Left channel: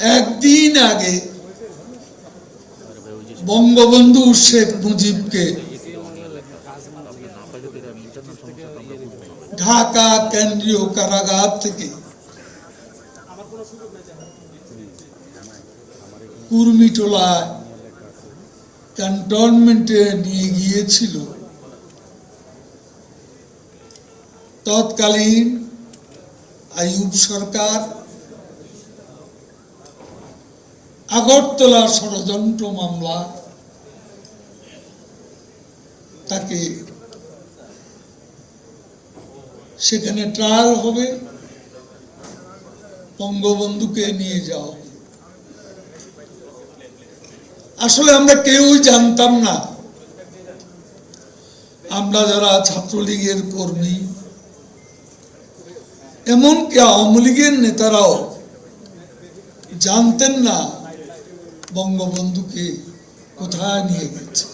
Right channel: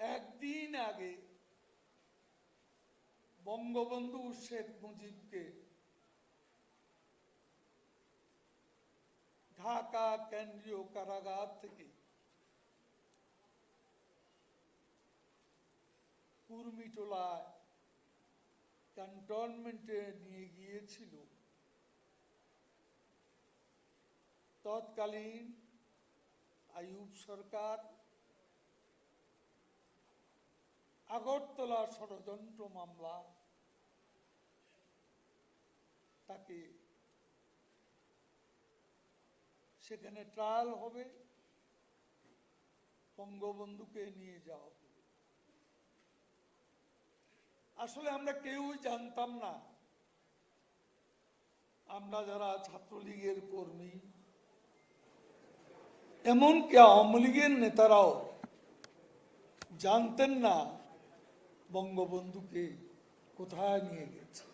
একদিন আগে বঙ্গবন্ধু শেখ মুজিবকে ঢাকা কেন্দ্রীয় কারাগার থেকে কুর্মিটোলায় ক্যান্টনমেন্টে নিয়ে গিয়েছিল তৎকালীন আইয়ুব সরকার। আগরতলা ষড়যন্ত্র মামলা তাকে সেখানে ট্রায়াল হবে, বঙ্গবন্ধুকে নিয়ে যাওয়া। আসলে আমরা কেউই জানতাম না, আমরা যারা ছাত্রলীগের কর্মী এমনকি আওয়ামী লীগের নেতারাও জানতেন না বঙ্গবন্ধুকে কোথায় নিয়ে গেছে।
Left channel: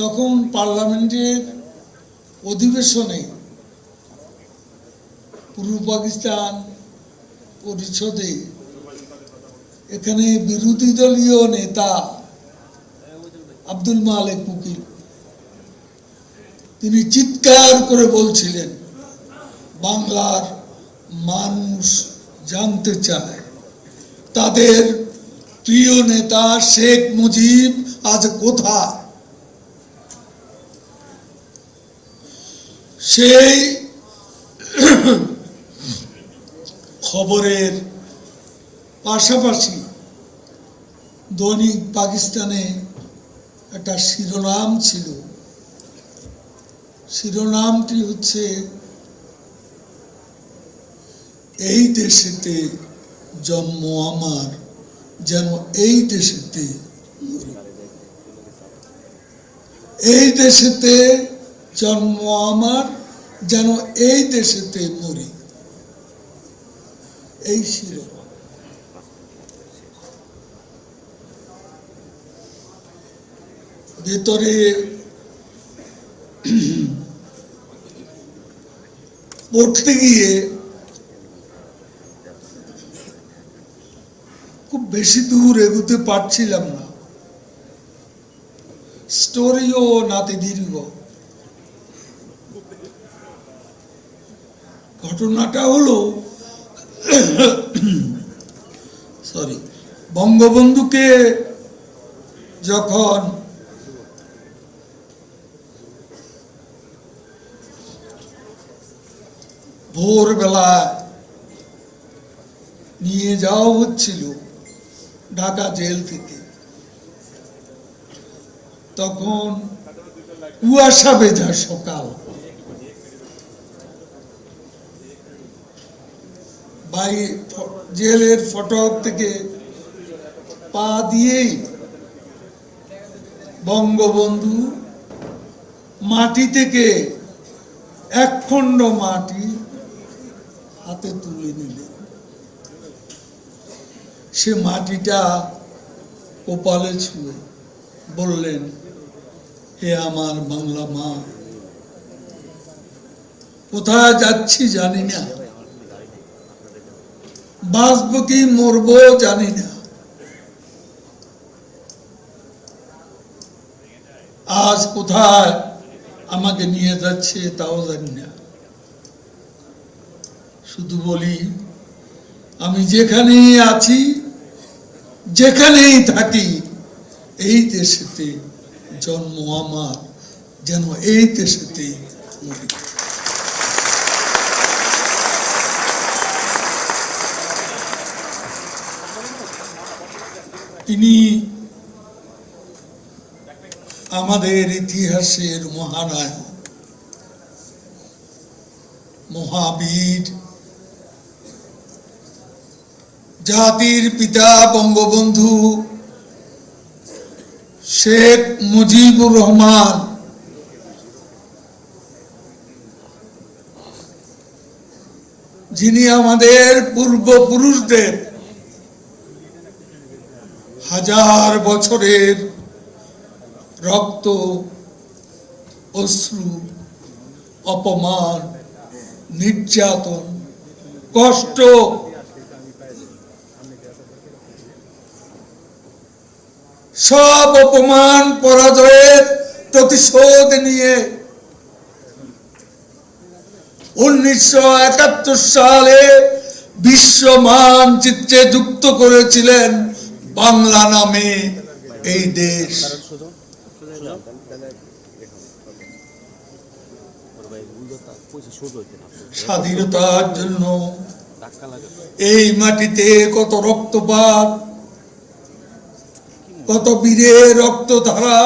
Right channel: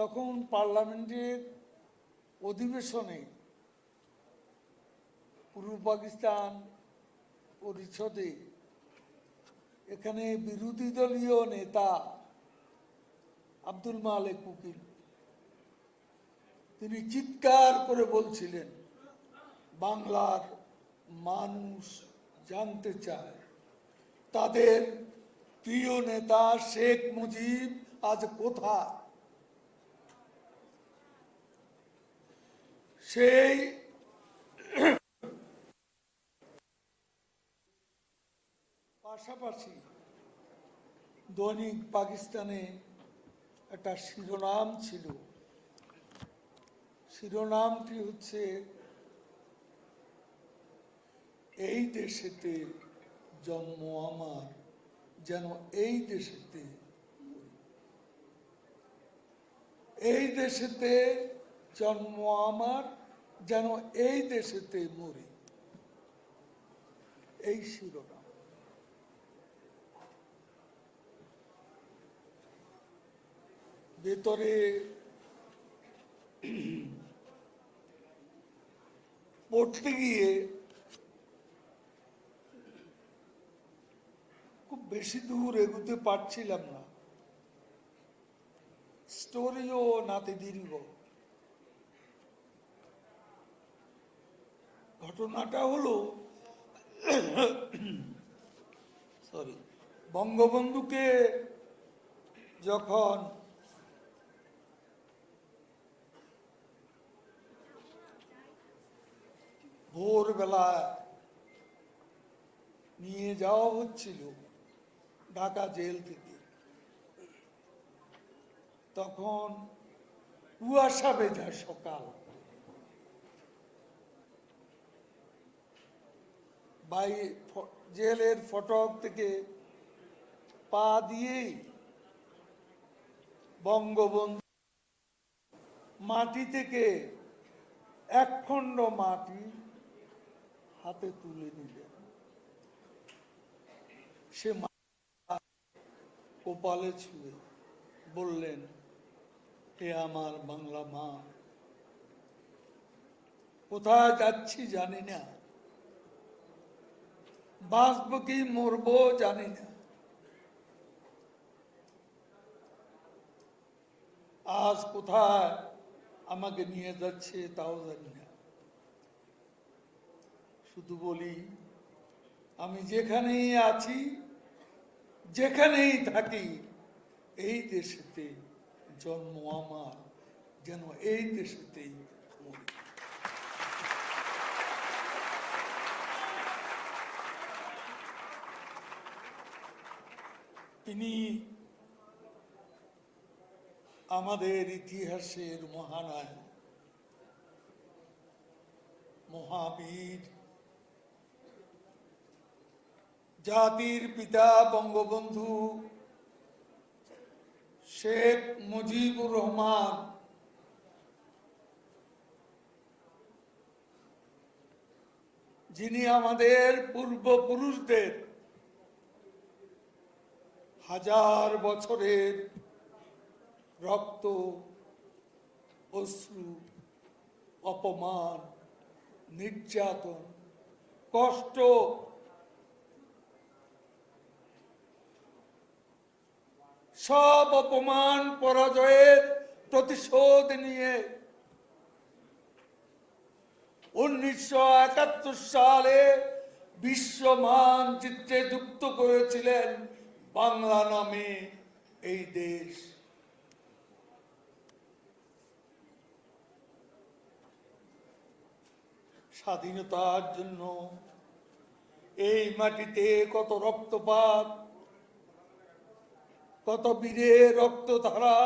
তখন পার্লামেন্টের অধিবেশনে পূর্ব পাকিস্তান পরিষদে এখানে বিরোধী দলীয় নেতা আব্দুল মালেক উকিল তিনি চিৎকার করে বলছিলেন, বাংলার মানুষ জানতে চায় তাদের প্রিয় নেতা শেখ মুজিব আজ কোথায়। সেই খবরের পাশাপাশি দৈনিক পাকিস্তানে একটা শিরোনাম ছিল, শিরোনামটি হচ্ছে এই দেশেতে জন্ম আমার যেন এই দেশেতে মরি। এই দেশেতে জন্ম আমার যেন এই দেশেতে মরি, এই শিরোনাম। ভেতরে পড়তে গিয়ে খুব বেশি দূর এগোতে পারছিলাম না, স্টোরিও নাতে দীর্ঘ। ঘটনাটা হলো বঙ্গবন্ধুকে যখন ভোরবেলা নিয়ে যাওয়া হচ্ছিল ঢাকা জেল থেকে, তখন কুয়াশা ভেজা সকাল। জেলের ফটক থেকে পা দিয়েই বঙ্গবন্ধু মাটি থেকে এক খণ্ড মাটি হাতে তুলে নিলেন। সে মাটিটা কপালে ছুঁয়ে বললেন, হে আমার বাংলা মা, কোথায় যাচ্ছি জানি না, বাঁচব কি মরবো জানি না, আজ কোথায় আমাকে নিয়ে যাচ্ছে তাও জানি না। শুধু বলি, আমি যেখানেই আছি যেখানেই থাকি এই দেশেতে জন্ম আমার যেন এই দেশেতে মরি। তিনি আমাদের ইতিহাসের মহানায়ক, মহাবীর, জাতির পিতা বঙ্গবন্ধু শেখ মুজিবুর রহমান যিনি আমাদের পূর্বপুরুষদের হাজার বছরের রক্ত, অশ্রু, অপমান, নির্যাতন, কষ্ট সব অপমান পরাজয়ের প্রতিশোধ নিয়ে 1971 সালে বিশ্ব মানচিত্রে যুক্ত করেছিলেন বাংলা নামে এই দেশ। স্বাধীনতার জন্য এই মাটিতে কত রক্তপাত, কত বীরের রক্তধারা,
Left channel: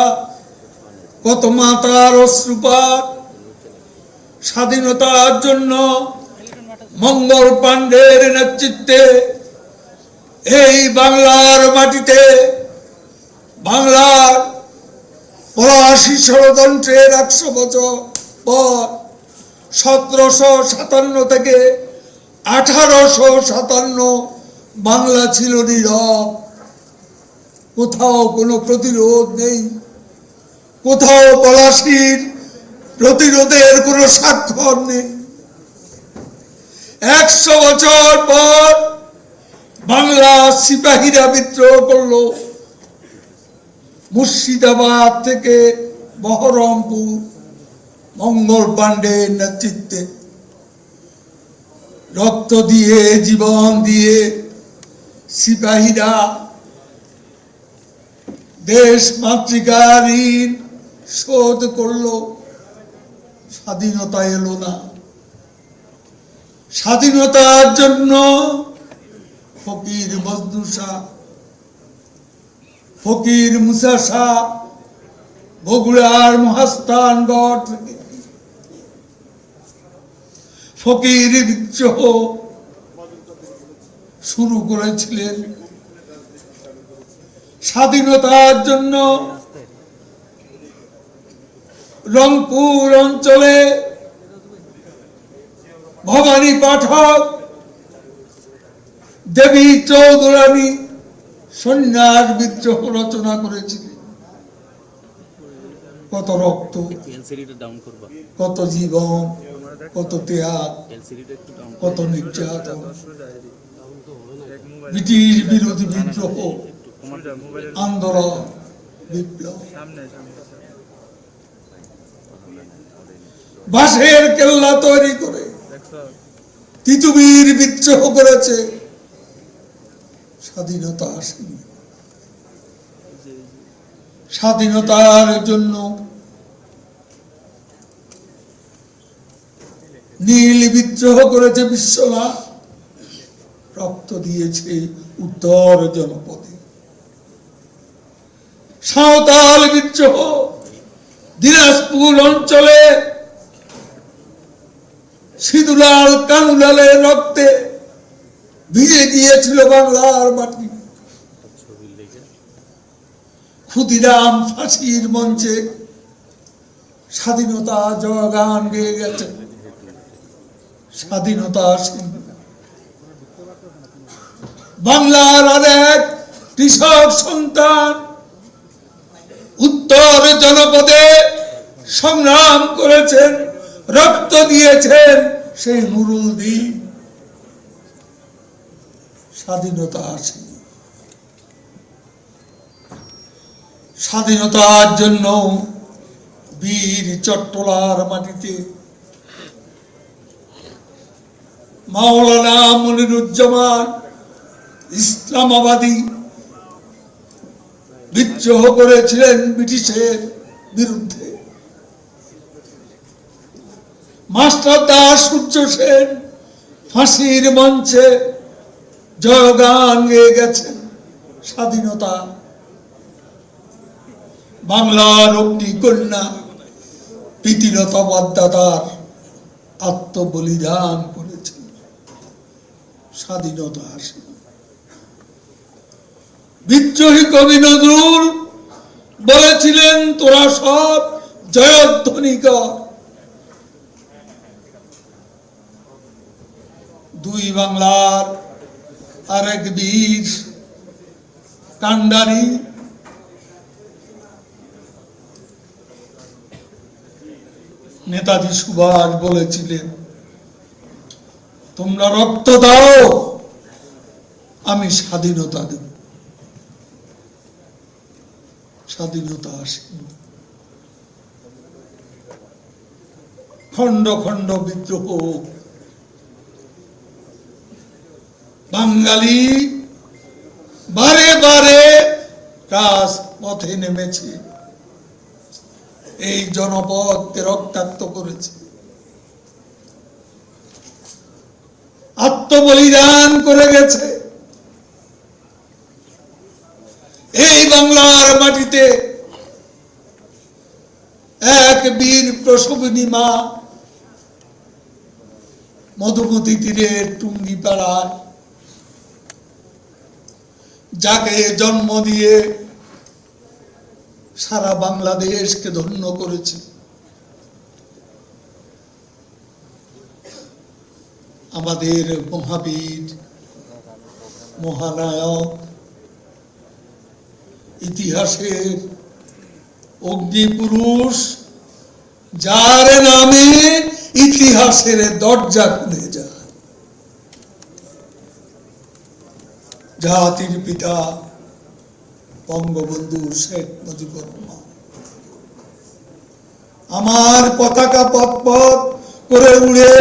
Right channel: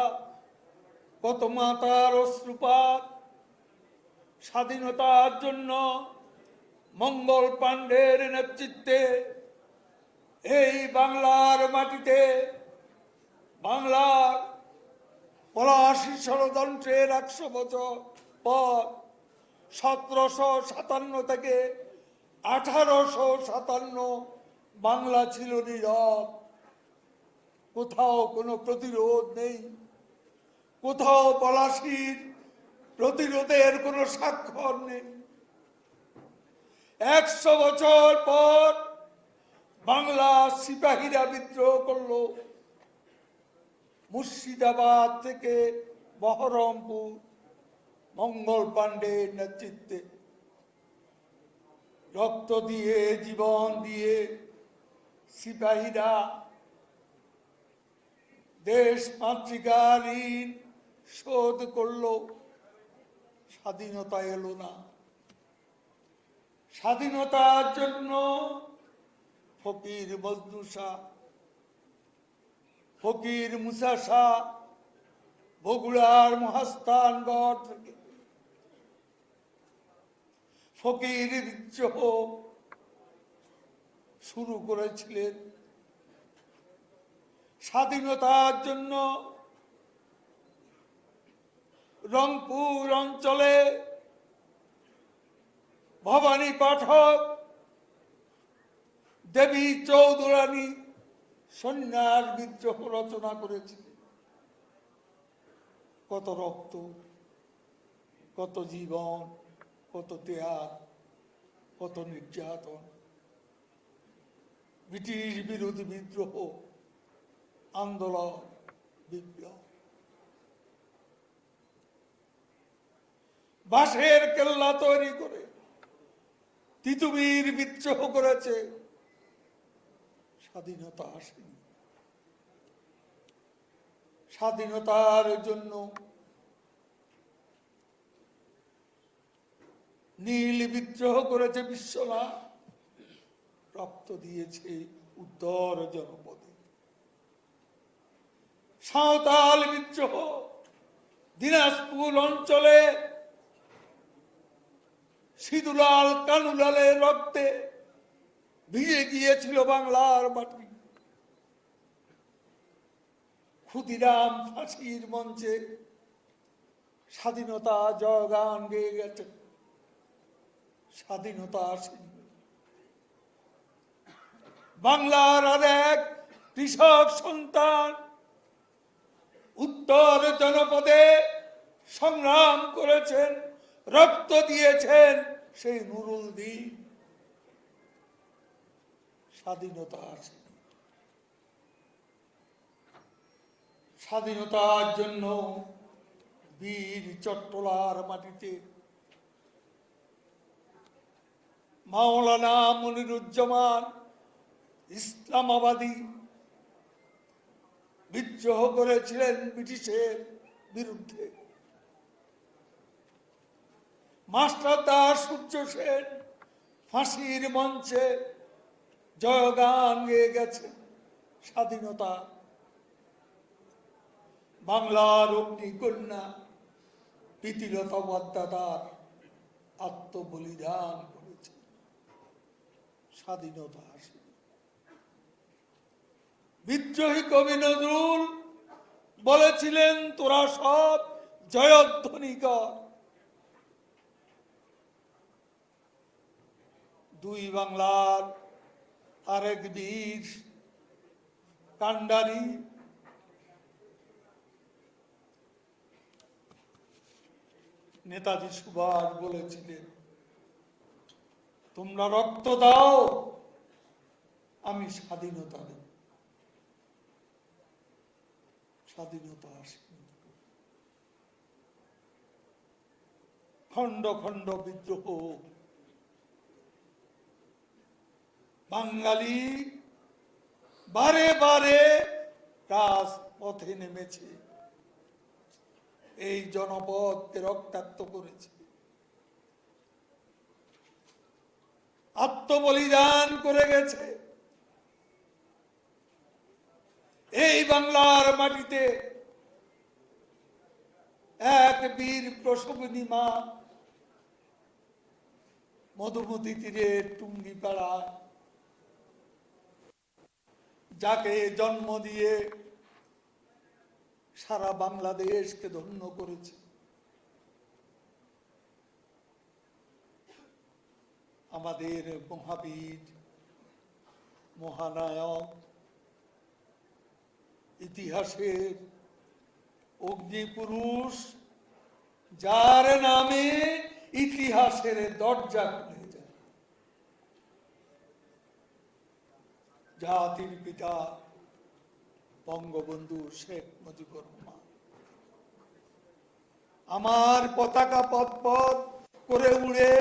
কত মাতার অশ্রুপাত। স্বাধীনতার জন্য মঙ্গল পাণ্ডের নেতৃত্বে এই বাংলার মাটিতে বাংলার ৮৫ ষড়যন্ত্রের ১০০ বছর পর ১৭৫৭ থেকে ১৮৫৭ বাংলা ছিল নীরব। কোথাও কোনো প্রতিরোধ নেই, কোথাও পলাশীর প্রতিরোধের কোনো স্বাক্ষর নেই। ১০০ বছর পর বাংলা সিপাহীরা বিদ্রোহ করলো। মুর্শিদাবাদ থেকে বহরমপুর মঙ্গল পাণ্ডের নেতৃত্বে রক্ত দিয়ে জীবন দিয়ে সিপাহীরা দেশ মাতৃকার ঋণ শোধ করলো। স্বাধীনতা এলো না। স্বাধীনতার জন্য ফকির বজলু শাহ, ফকির মুসা শাহ, বগুড়ার মহাস্থানগড় থেকে ফকির বিদ্রোহ শুরু করেছিলেন। স্বাধীনতার জন্য রংপুর অঞ্চলে ভবানী পাঠক, দেবী চৌধুরানী সন্ন্যাস বিদ্রোহ রচনা করেছিলেন। কত রক্ত, কত জীবন, কত ত্যাগ, কত নির্যাতন, ব্রিটিশ বিরোধী বিদ্রোহ, আন্দোলন, বিপ্লব। বাঁশের কেল্লা তৈরি করে তিতুমির বিদ্রোহ করেছে। স্বাধীনতা আসেনি। স্বাধীনতার জন্য নীল বিদ্রোহ করেছে বিশ্বনাথ, রক্ত দিয়েছে উত্তর জনপদে। সাঁওতাল বিদ্রোহ দিনাজপুর অঞ্চলে সিধুলাল কানুলালের রক্তে ভিজে গিয়েছিল বাংলার মাটি। ক্ষুদিরাম ফাঁসির মঞ্চে স্বাধীনতা জয়গান গেয়ে গেছে। স্বাধীনতা আসেনি। বাংলার আরেক কৃষক সন্তান উত্তর জনপদে সংগ্রাম করেছেন, রক্ত দিয়েছেন, সেই নুরুল দ্বীপ। স্বাধীনতা আসেনি। স্বাধীনতার জন্য বীর চট্টলার মাটিতে মাওলানা মনিরুজ্জামান ইসলামাবাদী বিদ্রোহ করেছিলেন ব্রিটিশের বিরুদ্ধে। মাস্টার দাস সূর্য সেন ফাঁসির মঞ্চে জয়গান গেয়ে গেছেন। স্বাধীনতা। বাংলার অগ্নিকন্যা প্রীতিলতা ওয়াদ্দেদার আত্মবলিদান করেছেন। স্বাধীনতা আসেনি। বিদ্রোহী কবি নজরুল বলেছিলেন, তোরা সব জয়ধ্বনি কর। দুই বাংলার আরেক বীর কান্ডারি নেতাজি সুভাষ বলেছিলেন, তোমরা রক্ত দাও, আমি স্বাধীনতা দেব। স্বাধীনতা আসেনি। খণ্ড খণ্ড বিদ্রোহ, বাঙালি বারে বারে রাজপথে নেমেছে, এই জনপদকে রক্তাক্ত করেছে, আত্মবলিদান করে গেছে। এই বাংলার মাটিতে এক বীর প্রসবিনী মা মধুমতি তীরের টুঙ্গিপাড়ায়, যাকে জন্ম দিয়ে সারা বাংলাদেশকে ধন্য করেছে, আমাদের মহাবীর, মহানায়ক, ইতিহাসের অগ্নিপুরুষ, যার নামে ইতিহাসের দরজা খুলে যায়, জাতির পিতা বঙ্গবন্ধু শেখ মুজিবুর রহমান। আমার পতাকা পথ পথ করে উড়ে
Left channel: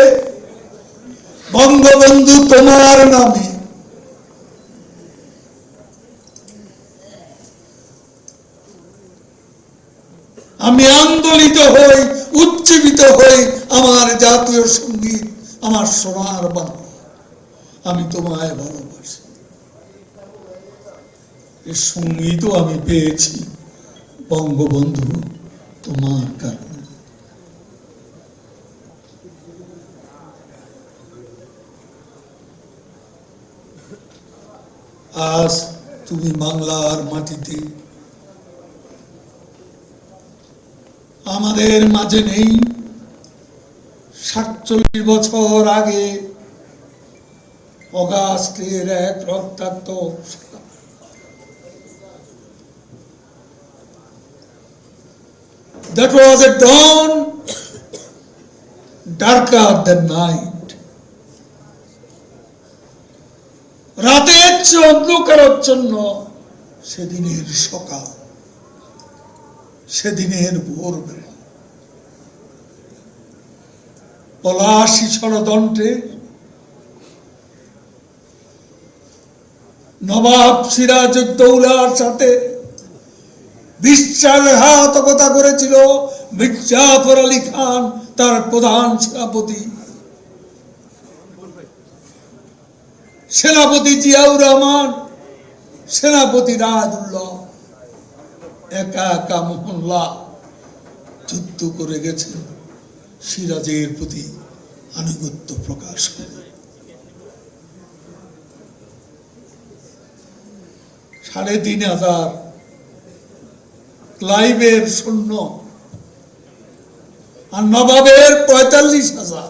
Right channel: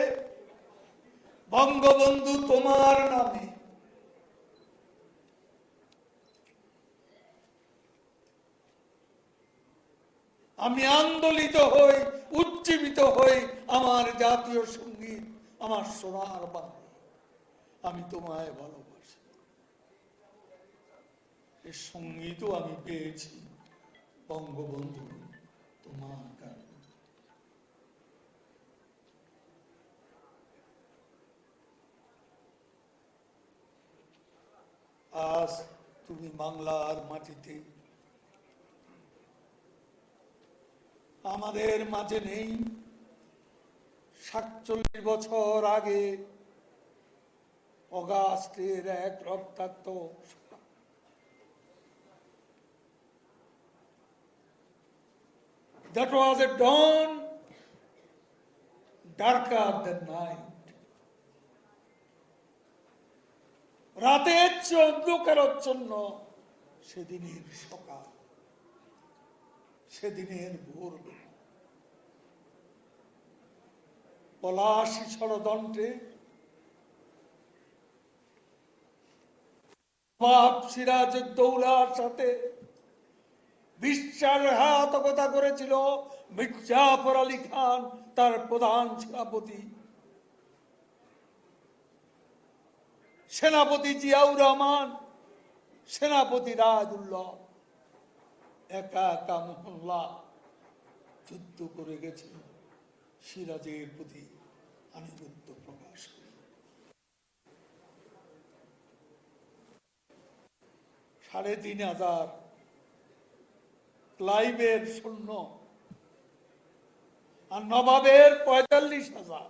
বঙ্গবন্ধু তোমার নামে, আমি আন্দোলিত হই, উজ্জীবিত হই। আমার জাতীয় সঙ্গীত, আমার সোনার বাংলা, আমি তোমায় ভালোবাসি। এই সঙ্গীতও আমি পেয়েছি বঙ্গবন্ধু তোমার কারণে। আজ তুমি বাংলার মাটিতে আমাদের মাঝে নেই। 47 বছর আগে অগাস্টের এক রক্তাক্ত that was a dawn darker than night. রাতের চেয়ে অন্ধকারাচ্ছন্ন সেদিনের সকাল, সেদিনের ভোরবেলা। পলাশী ষড়যন্ত্রে নবাব সিরাজউদ্দৌলার সাথে বিশ্বাসঘাতকতা করেছিল মির্জাফর আলী খান, তার প্রধান সেনাপতি। সেনাপতি জিয়াউর রহমান, সেনাপতি রাজউল্লাহ একা একা মহল্লা যুদ্ধ করে গেছেন সিরাজের প্রতি আনুগত্য প্রকাশ করে। ৩,৫০০ ক্লাইভের সৈন্য আর নবাবের ৪৫,০০০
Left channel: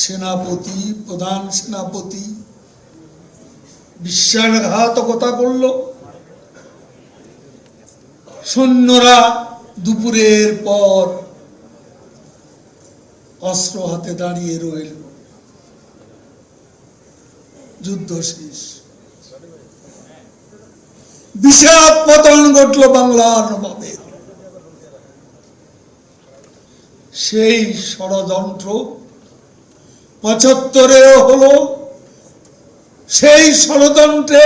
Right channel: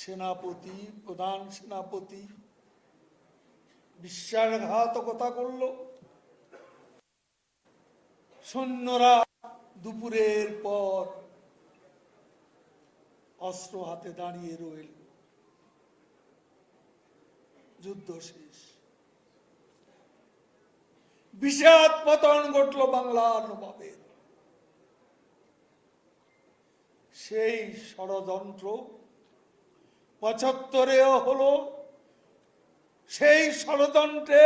সেনাপতি, প্রধান সেনাপতি বিশ্বাসঘাতকতা করল। সৈন্যরা দুপুরের পর অস্ত্র হাতে দাঁড়িয়ে রইল। যুদ্ধ শেষ, বিষাদ পতন ঘটল বাংলার নবাবের। সেই ষড়যন্ত্র ৭৫-এও হলো। সেই ষড়যন্ত্রে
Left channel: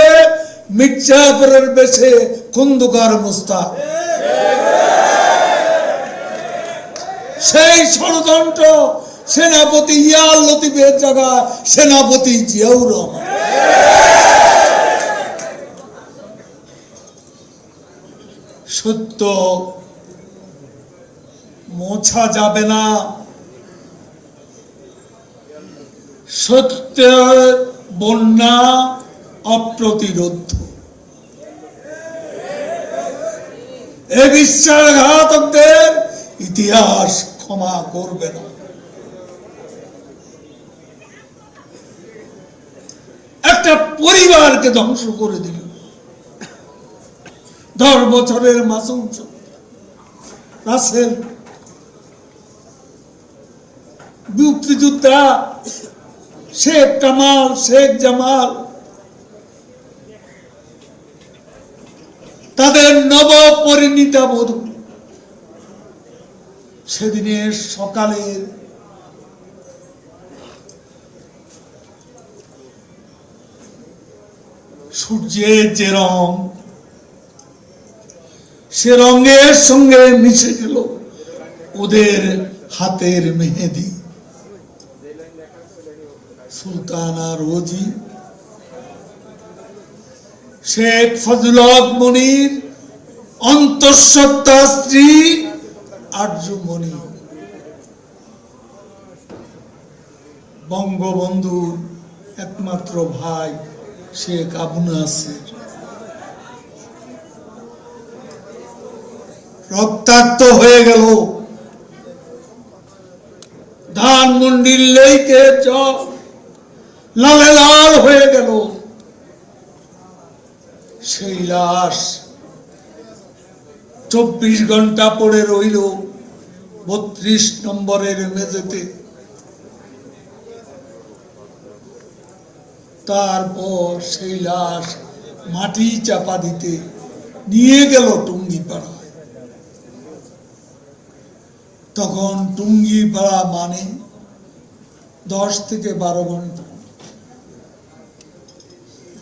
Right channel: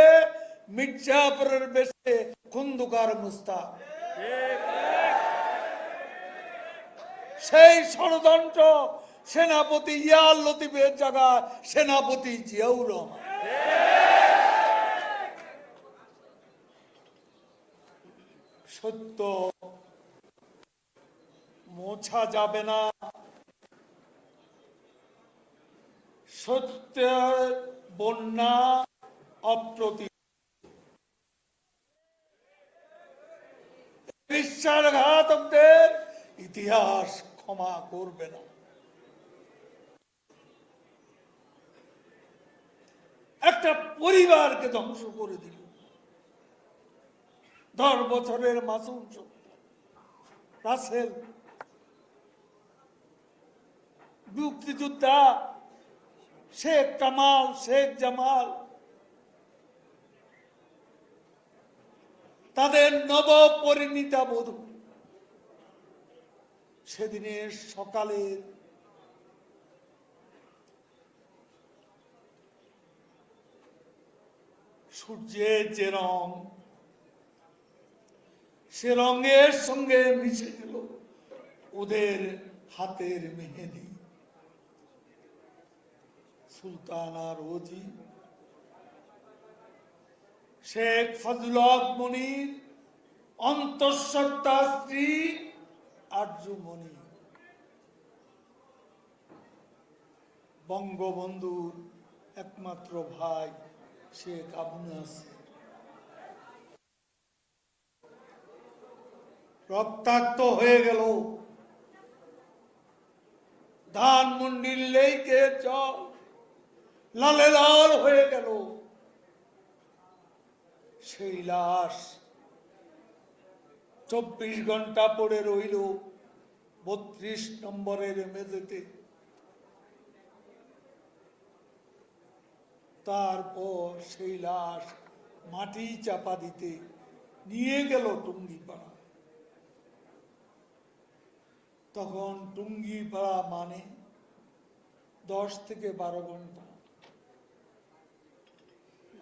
মির্জাফরের বেশে খন্দকার মোস্তাক, সেই ষড়যন্ত্র সেনাপতি ইয়ার লতিফের জায়গায় সেনাপতি জিয়াউর রহমান। সত্য মোছা যাবে না, সত্যের বন্যা অপ্রতিরোধ্য। এ বিশ্বাসঘাতকদের ইতিহাস ক্ষমা করবে না। একটা পরিবারকে ধ্বংস করে দিল। 10 বছরের মাসুম রাসেল, মুক্তিযোদ্ধা শেখ কামাল, শেখ জামাল, তাদের নবপরিণীতা বধূ সেদিনের সকালের সূর্যের যে রং, সে রঙের সঙ্গে মিশে গেল ওদের হাতের মেহেদি। সুলতানা রোজি, শেখ ফজলত মনির অন্তঃসত্ত্বা স্ত্রী আরজুমণি, বঙ্গবন্ধুর একমাত্র ভাই শেখ আবু নাসের। রক্তাক্ত হয়ে গেল ধানমন্ডির লেকে চর, লালে লাল হয়ে গেল সেই লাশ। 24 ঘন্টা পড়ে রইল 32 নম্বরের মেঝেতে। তারপর সেই লাশ মাটি চাপা দিতে নিয়ে গেল টুঙ্গিপাড়ায়। তখন টুঙ্গিপাড়া মানে 10 থেকে 12 ঘন্টা।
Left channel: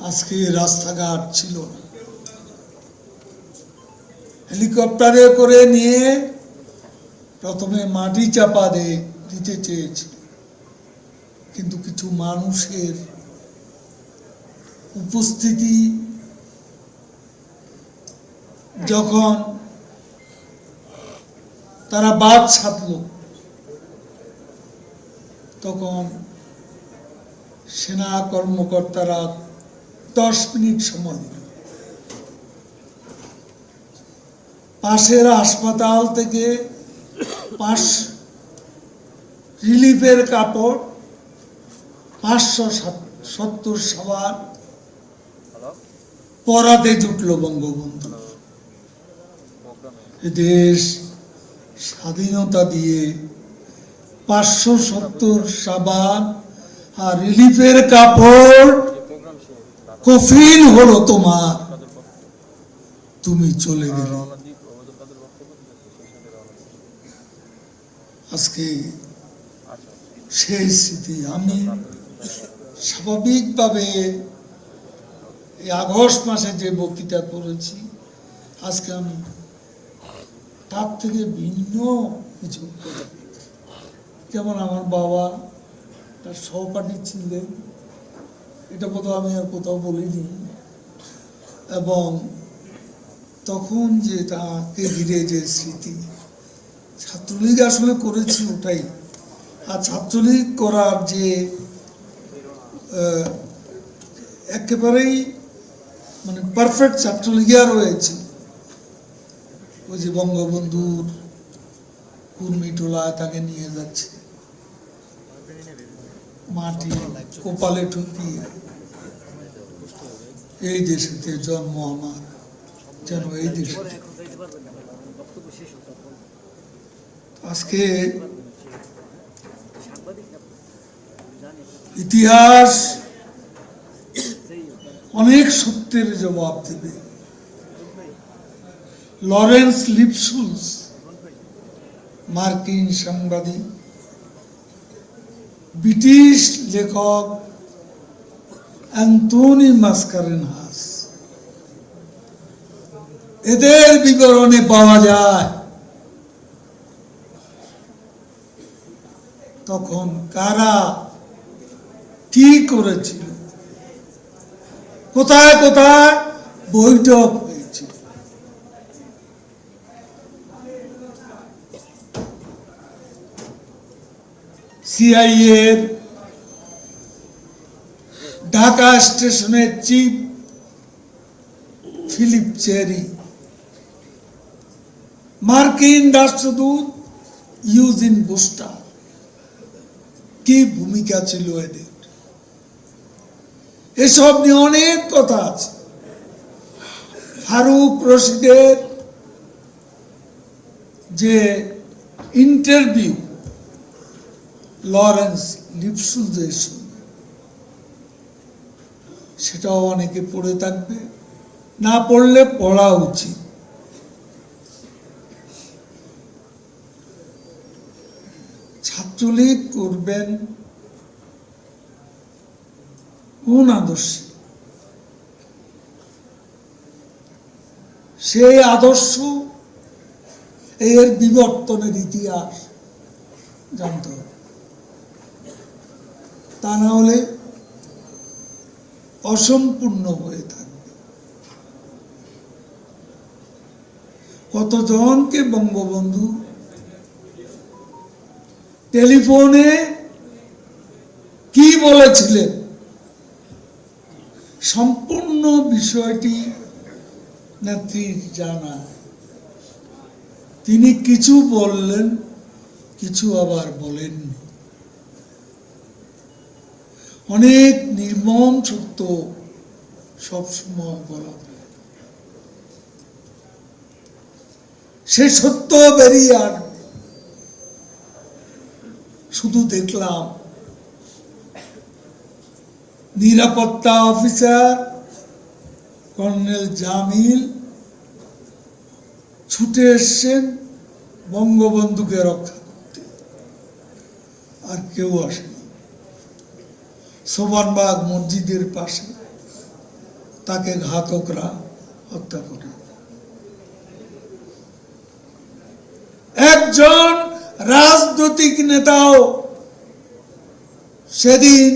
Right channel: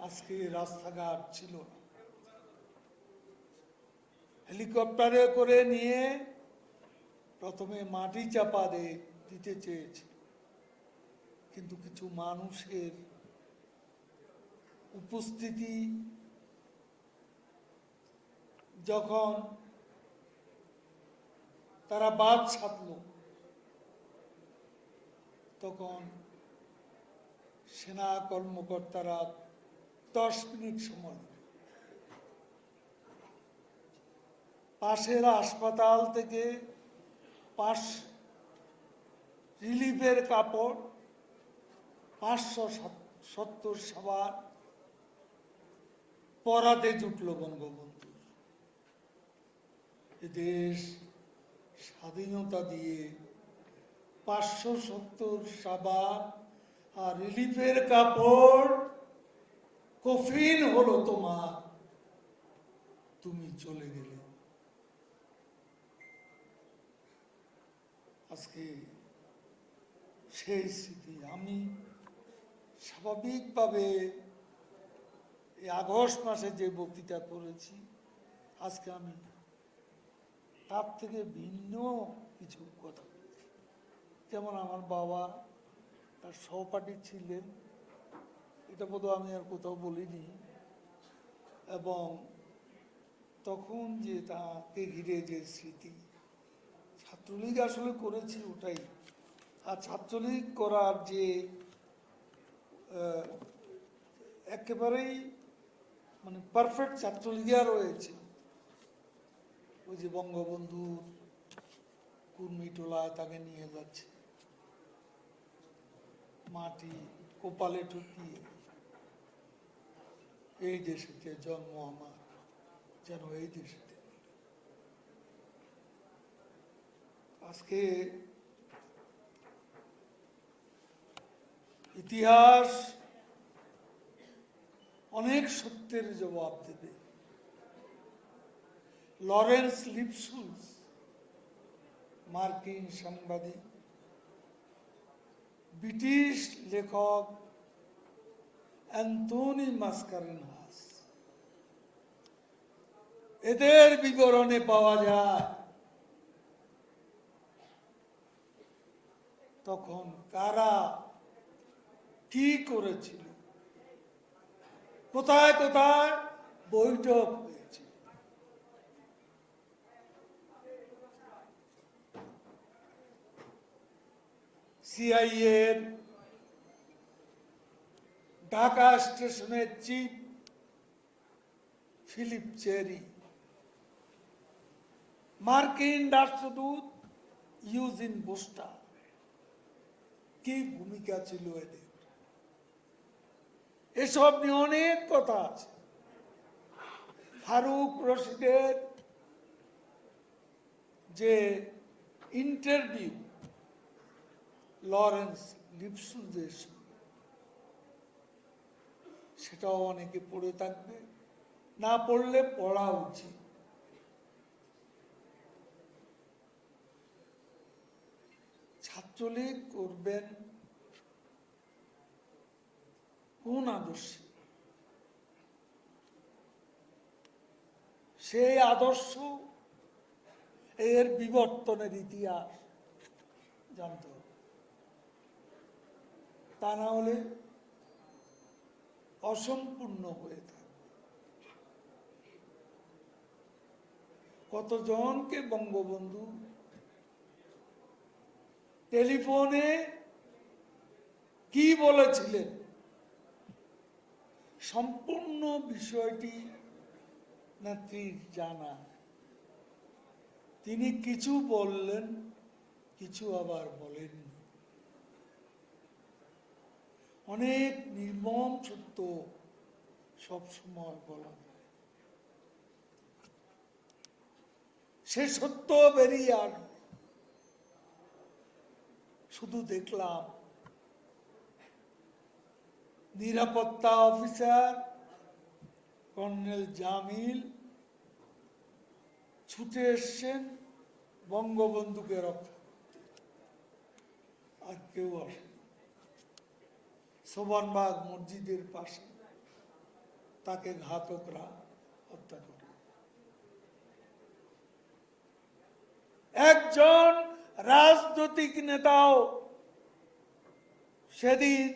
আজকে রাস্তাঘাট ছিল না। হেলিকপ্টারে করে নিয়ে প্রথমে মাটি চাপা দিতে চেয়েছে, কিন্তু কিছু মানুষের উপস্থিতি যখন তারা বাদ ছাড়ল, তখন সেনা কর্মকর্তারা 10 মিনিট সময় দিল। পাশের হাসপাতাল থেকে রিলিফের কাপড় 570 সাবান পরাতে জুটল বঙ্গবন্ধু। দেশ স্বাধীনতা দিয়ে 570 সাবান আর রিলিফের কাপড় কফিন হলো তোমার, তুমি চলে গেলে। আজকে সেই স্মৃতি। আমি স্বাভাবিকভাবে এই আগস্ট মাসে যে বক্তৃতা করেছি, আজকে আমি তার থেকে ভিন্ন কিছু করি। যেমন আমার বাবা তার সহপাঠী ছিলেন, এটা বোধহয় আমি আর কোথাও বলিনি। এবং তখন যে তাকে ঘিরে যে স্মৃতি, ছাত্রলীগ আসলে করেছি ওটাই। আর ছাত্রলীগ করার যে একেবারেই মানে পারফেক্ট ছাত্রলীগা রয়েছে, ওই যে বঙ্গবন্ধুর কুর্মিটোলায় তাকে নিয়ে যাচ্ছে, মাটি কপালে ঠুকিয়ে, এই দেশেতে জন্ম আমার, যেন এই দেশে। আজকে ইতিহাস অনেক সত্যের জবাব দেবে। লরেন্স লিপসুলস, মার্কিন সাংবাদিক, ব্রিটিশ লেখক অ্যান্থনি মাসকারেনহাস, এদের বিবরণে পাওয়া যায় তখন কারা কি করেছিল, কোথায় কোথায় বৈঠক হয়েছিল। সিআইএর ঢাকা স্টেশনের চিফ ফিলিপ চেরি, মার্কিন রাষ্ট্রদূত ইউজিন বুস্টার, কি ভূমিকা ছিল এদের, এসব নিয়ে অনেক কথা আছে। ফারুক রশিদের যে ইন্টারভিউ লরেন্স লিপসুলসের সঙ্গে, সেটাও অনেকে পড়ে থাকবে। না পড়লে পড়া উচিত। ছাত্রলীগ করবেন কোন আদর্শে? সেই আদর্শ এর বিবর্তনের ইতিহাস জানতে হবে, তা না হলে অসম্পূর্ণ হয়ে থাকবে। কতজনকে বঙ্গবন্ধু টেলিফোনে কি বলেছিলেন, সম্পূর্ণ বিষয়টি নেত্রীর জানা। তিনি কিছু বললেন, কিছু আবার বলেননি। অনেক নির্মম সত্য সবসময় বলা হয়, সে সত্য বেরিয়ে আসবে। শুধু দেখলাম নিরাপত্তা অফিসার কর্নেল জামিল ছুটে এসছেন বঙ্গবন্ধুকে রক্ষা করতে, আর কেউ আসেনি। সোবানবাগ মসজিদের পাশে তাকে ঘাতকরা হত্যা করে। একজন রাজনৈতিক নেতাও সেদিন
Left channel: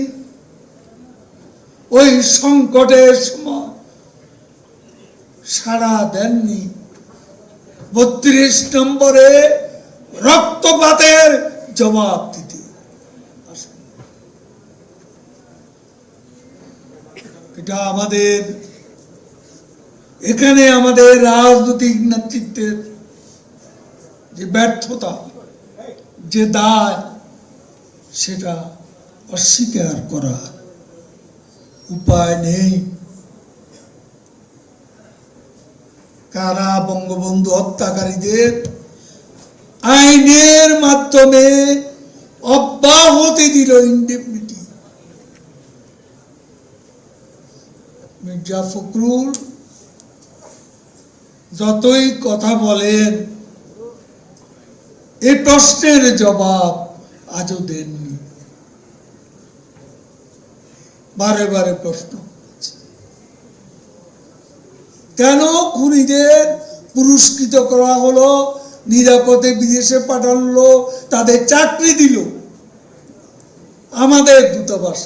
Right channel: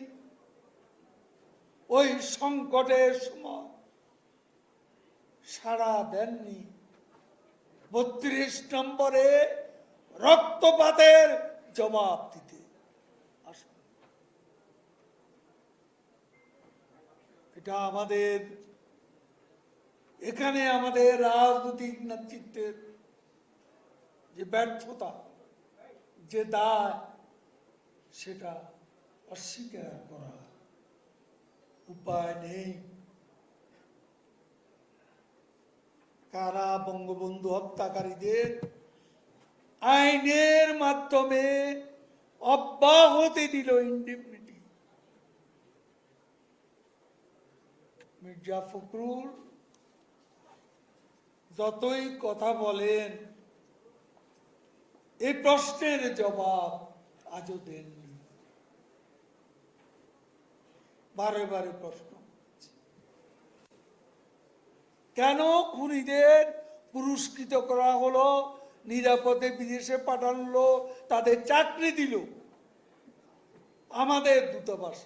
ওই সংকটের সময় সাড়া দেননি। ৩২ নম্বরে রক্তপাতের জবাব দিতে। এটা আমাদের এখানে আমাদের রাজনৈতিক নেতৃত্বের যে ব্যর্থতা, যে দায়, সেটা অস্বীকার করার উপায় নেই। কারা বঙ্গবন্ধু হত্যাকারীদের আইনের মাধ্যমে অব্যাহতি দিল, ইনডেমনিটি। মির্জা ফখরুল যতই কথা বলেন, এই প্রশ্নের জবাব আজও দেননি। বারে বারে প্রশ্ন করেছে, কেন খুনিদের পুরস্কৃত করা হলো, নিরাপদে বিদেশে পাঠালো, তাদের চাকরি দিল আমাদের দূতাবাস।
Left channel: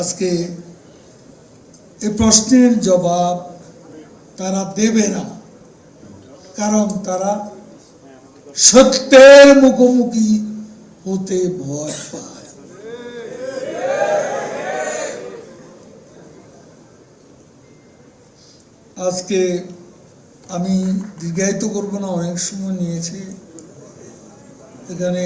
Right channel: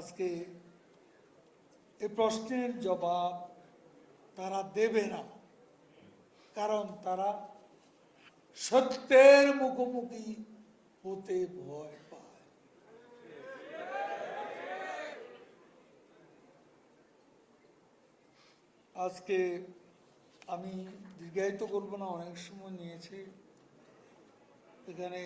আজকে এই প্রশ্নের জবাব তারা দেবে না, কারণ তারা সত্যের মুখোমুখি হতে ভয় পায়। আজকে আমি দীর্ঘায়িত করবো না, অনেক সময় নিয়েছি। এখানে